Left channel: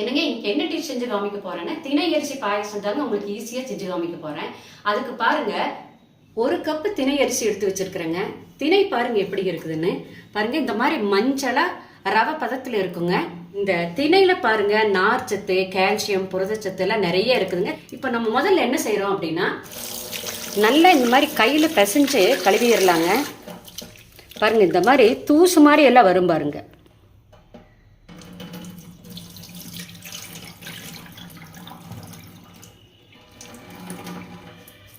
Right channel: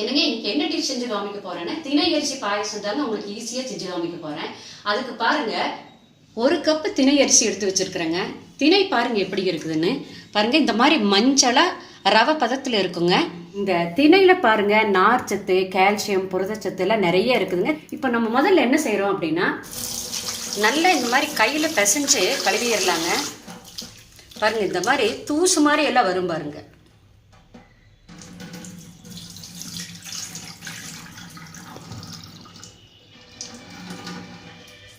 என்னங்க இன்னைக்கு என்ன டிஷ் செஞ்சு காமிக்க போறேன்னா திணை அரிசி பாயசம் தாங்க உங்களுக்கு ஈஸியாக செஞ்சு காமிக்க போறேன். அதுக்கு பாருங்க ஒரு கப்பு தினையரிசி அரிசி எடுத்து வச்சிருக்கிறேங்க. திணை பாருங்க எப்படி இருக்குதுன்னு. பாருங்க இந்த மாதிரி மஞ்சளா ரவை பதத்தில் இருக்குங்க. இந்த திணையில பாருங்க நார்ச்சத்து கால்சியம் புரதச்சத்து எல்லாம் நிறைய இருக்குதுங்க. இப்போ நம்ம முதல்ல என்ன செய்கிறோம் அப்படின்னா நல்லா இந்த மாதிரி கையில் பிசைஞ்சு கழுவிடலாங்க. பாருங்க இந்த மாதிரி தூசு மாதிரி எல்லாம் வரும் பாருங்க.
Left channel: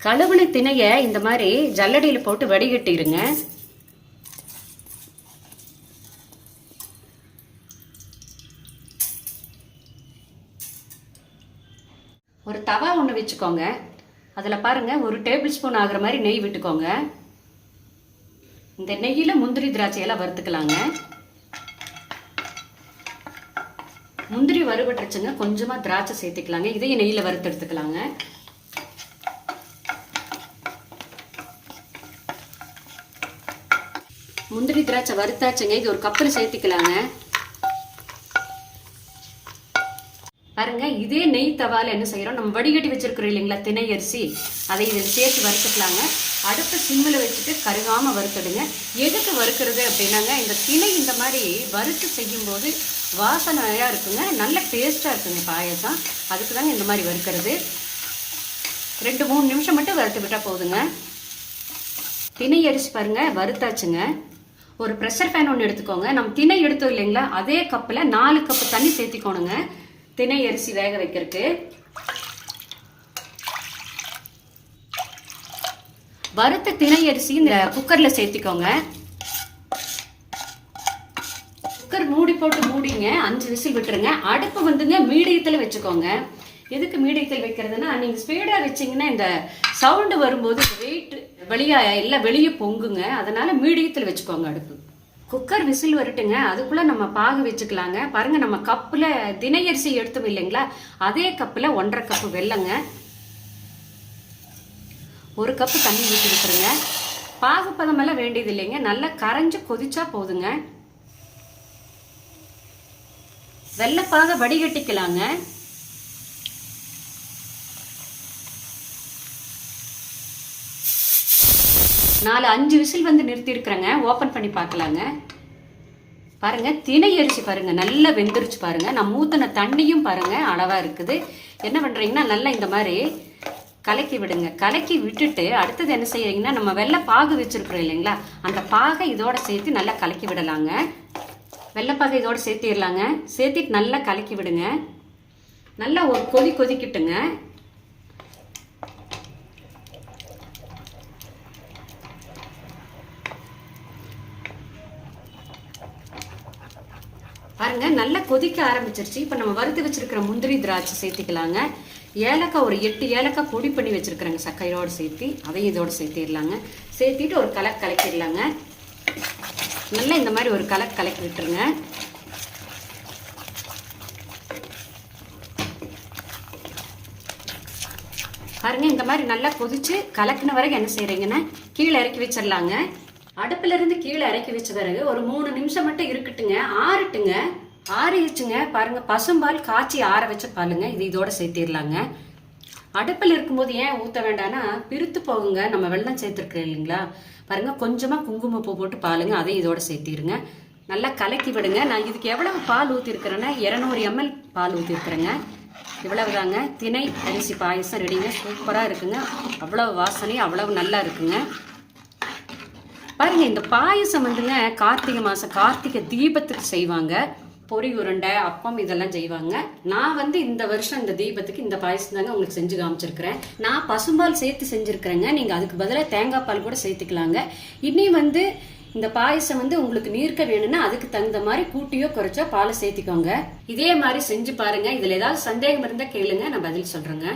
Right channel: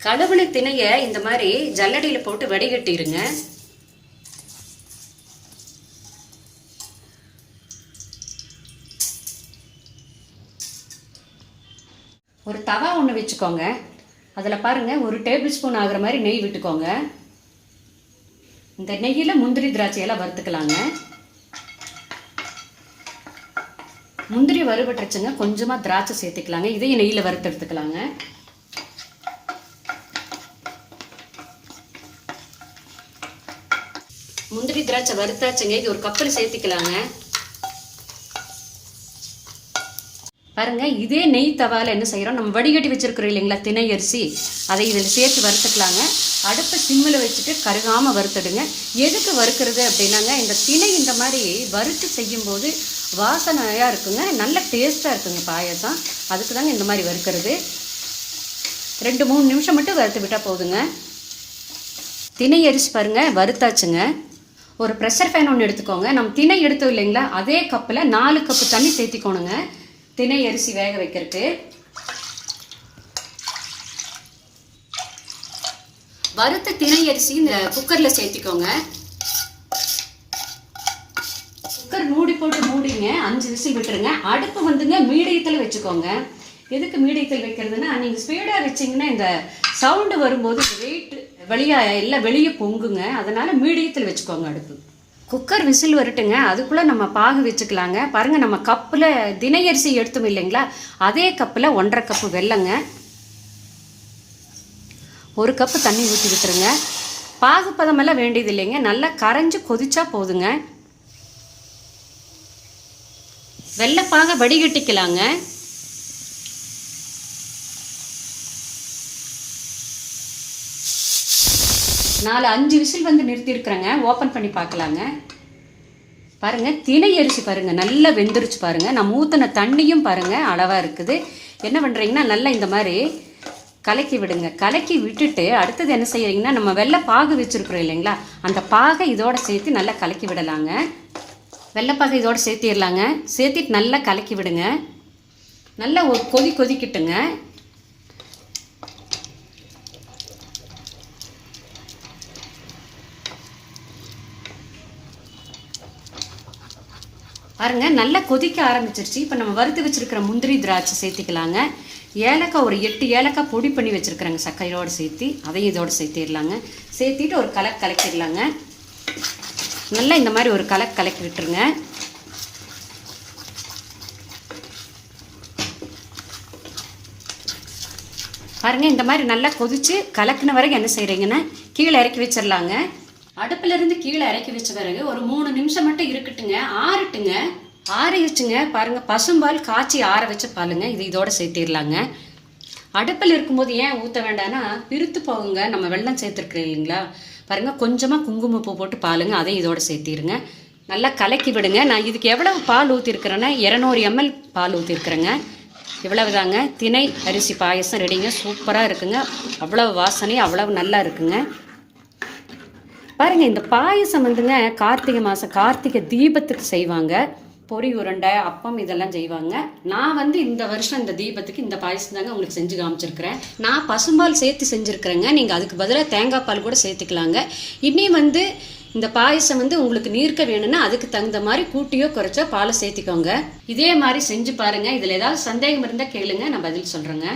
கழுவுன திணைய இந்த மாதிரி ஜல்லடியில் போட்டு வடிகட்டிடுங்க ஒரு தவா ஒன்று வச்சுக்கோங்க. அதில் பாருங்கள் ஒரு டேபிள் ஸ்பூன் ஆகிற மாதிரி நெய் விட்டுக்கோங்க. இந்த நெய்யில் முந்திரி திராட்சையெல்லாம் வறுத்துக்கலாங்க. முந்திரி வறுபட்டுருச்சுங்க கொஞ்சமாக திராட்சை சேர்த்துக்கலாங்க. இதையும் நெய்யில் வறுத்து எடுத்துக்கலாங்க. முந்திரி திராட்சை வறுத்தாச்சுங்க. இது ஒரு கப்பில் சேர்த்துக்கலாங்க. பாருங்க இதே நெய் தவால என்ன செய்கிறோம் நம்ம வடிகட்டி வச்சுருக்குறோம் இல்லைங்களா திணை அரிசி. அதை இதில் சேர்த்து வறுத்துக்கலாங்க. அடுப்பை சிம்மில் வச்சுட்டு கருகாமல் வறுத்துடுங்க. எதுக்கு வறுக்கிறது அப்படின்னாங்க இந்த திணை இந்த மாதிரி வறுத்து செய்யும்போது வாசனையாக இருக்குங்க. நல்ல டேஸ்ட்டாக இருக்குங்க பாயசம். அதுக்கு தாங்க இந்த மாதிரி வறுக்கிறது. ரெண்டு மூணு நிமிஷம் மட்டும் வறுத்து விட்டால் போதுங்க. திணை அரிசி பாருங்க வறுத்தாச்சுங்க. ஒரு ப்ரெஷர் ஃபேன் ஒன்று எடுத்துக்கோங்க. நம்ம திணை எடுத்தோம் இல்லைங்களா? அதே கப்பில் நாலு கப்பு தண்ணி சேர்த்திக்கோணுங்க. திணை அரிசி வேக வைக்கிறதுக்கு. வறுத்த திணை அரிசி இந்த குக்கரில் சேர்த்திக்கோங்க. குக்கர் மூடி போட்டு மூடிங்க. அஞ்சு விசில் விட்டுருங்க. அடுப்பு வந்துங்க மீடியத்தில் வச்சுக்கோங்க. எதுக்கு மீடியத்தில் வைக்கிறதுனா நீங்கள் ஸ்பீடாக வச்சிங்கன்னா இந்த சவுண்டு வரும்போது வெயிட் வெளியாக எல்லாம் வெளியே பொங்குங்க. அதனால் மீடியத்தில் வச்சுக்கோங்க அடுப்பு. குக்கர் விசில் வரட்டுங்க. அதுக்குள்ளே நம்ம பாகு வச்சுக்கலாங்க. பாருங்கள் நம்ம கப்பில் தினையரிசி எடுத்தோம் இல்லைங்களா? அதே கப்பில் ஒன்றரை கப்பு வெல்லங்க. ஒரு கப்பு தண்ணி ஊற்றி விட்டுருங்க. பாகு பதமெல்லாம் வேண்டியது இல்லைங்க. நல்லா கரைஞ்சி கொதிச்சா போதுங்க. வெள்ளப்பாக வடிகட்டிக்கலாங்க. நாலு அஞ்சு விசில் வந்து நிறுத்தியிருக்கிறேங்க. ஓப்பன் பண்ணி பார்க்கலாங்க. பாருங்கள் திணை அரிசி பாருங்கள் நல்லா வெந்துருச்சு பாருங்கள் நான் ஊற்றின தண்ணியும் பாருங்கள் அளவாக இருக்குது. என்ன பண்ணுறீங்கன்னா நல்லா இந்த மாதிரி கலக்கி விடுங்க. கலக்கி விட்டுட்டு அடுத்தது என்ன செய்கிறீங்கன்னா நம்ம வெள்ளை பாகு வச்சுருக்குறோம் இல்லைங்களா? அந்த பாகை இதோட சேர்த்து நல்லா கலக்கி விடலாங்க. வெள்ளைப்பாகை இதோட சேர்த்திடலாங்க. சேர்த்திட்டு நல்லா கலக்கி விடுங்க. நல்லா ஒரு கொதி கொதிக்கிட்டுங்க. பாருங்க நல்லா கொதிக்க ஆரம்பிச்சிருச்சு. இப்போ நம்ம வறுத்து வச்சிருக்கிற முந்திரி திராட்சை சேர்த்திக்கலாங்க. ஏலக்காய் ஒரு எட்டு ஏலக்காய் பொடி பண்ணி வச்சுருக்குறேங்க சர்க்கரையோடு சேர்த்து. அதையும் இதோடு சேர்த்திடலாங்க. சேர்த்திட்டு ஒரு கலக்கு கலக்கிடலாங்க. நல்லா இந்த மாதிரி ஒரு கலக்கு கலக்கி விட்டுருங்க பாருங்க இந்த மாதிரி நல்லா கொதித்து கலக்கின வரைக்கும் என்ன செய்கிறீங்கன்னா கீழே இறக்கி வச்சிடலாங்க அடுப்புல இருந்து கீழே இறக்கி வச்ச பிறகு ஒரு மூணு நிமிஷம் மட்டும் இருக்கட்டுங்க. ஆறட்டுங்க. ஆறிடுச்சுங்க. பாருங்க பசும்பால் காய்ச்சி ஆற வச்சு பாலுங்க. இது இதோட சேர்த்திடலாங்க. அடுப்பில் இருக்கும்போது ஏன் ஊற்ற வேண்டாம்னா பிரித்து போகுங்க. நம்ம வெள்ளம் சேர்த்துருக்குறோம் இல்லைங்களா? பாருங்க கொஞ்சமாக குங்குமப்பூ போட்டு பாலுங்க. அதையும் இதோட சேர்த்திருங்க நல்லா கலக்கி விடுங்க. நான் இதுக்கு எவ்வளவு பால் ஊற்றிருக்கிறேன்னா இரநூறு எம்எல் பால் ஊற்றிருக்கிறேங்க இவ்வளவுதாங்க. திணை அரிசி பாயசம் ரெடிங்க. சூப்பராக இருக்குங்க. அவ்வளவு வாசனை அவ்வளவு நல்லா இருக்குங்க. பாருங்கள் இந்த பாயசம் வந்துங்க கார்த்திகை மாதம் கார்த்திகை தீபத்துக்கு செய்வாங்க. பொரி உருண்டை அப்பம் இதெல்லாம் செய்வாங்க. நான் வந்து இந்த வருஷம் இந்த தீபத்துக்கு இந்த பாயசம் தாங்க உங்களுக்கு செஞ்சு காமிச்சிருக்கிறேன். நான் பசும்பால் சேர்த்து செஞ்சுருக்கிறேங்க. நீங்கள் அதுக்கு பதிலாக தேங்காய் பால் கூட சேர்த்துக்கலாங்க. இனி வந்து இந்த பாயசம் வந்து உங்களுக்கு நீர்க்க வேணும்னா அதுக்கு தகுந்த மாதிரி கூட்டியோ குறைச்சோ பாலை சேர்த்திக்கோங்க. இதே மாதிரி செஞ்சு பாருங்கள் இதில் ஏதாவது சந்தேகம் இருந்தால் கேளுங்க. நான் பதில் சொல்கிறேங்க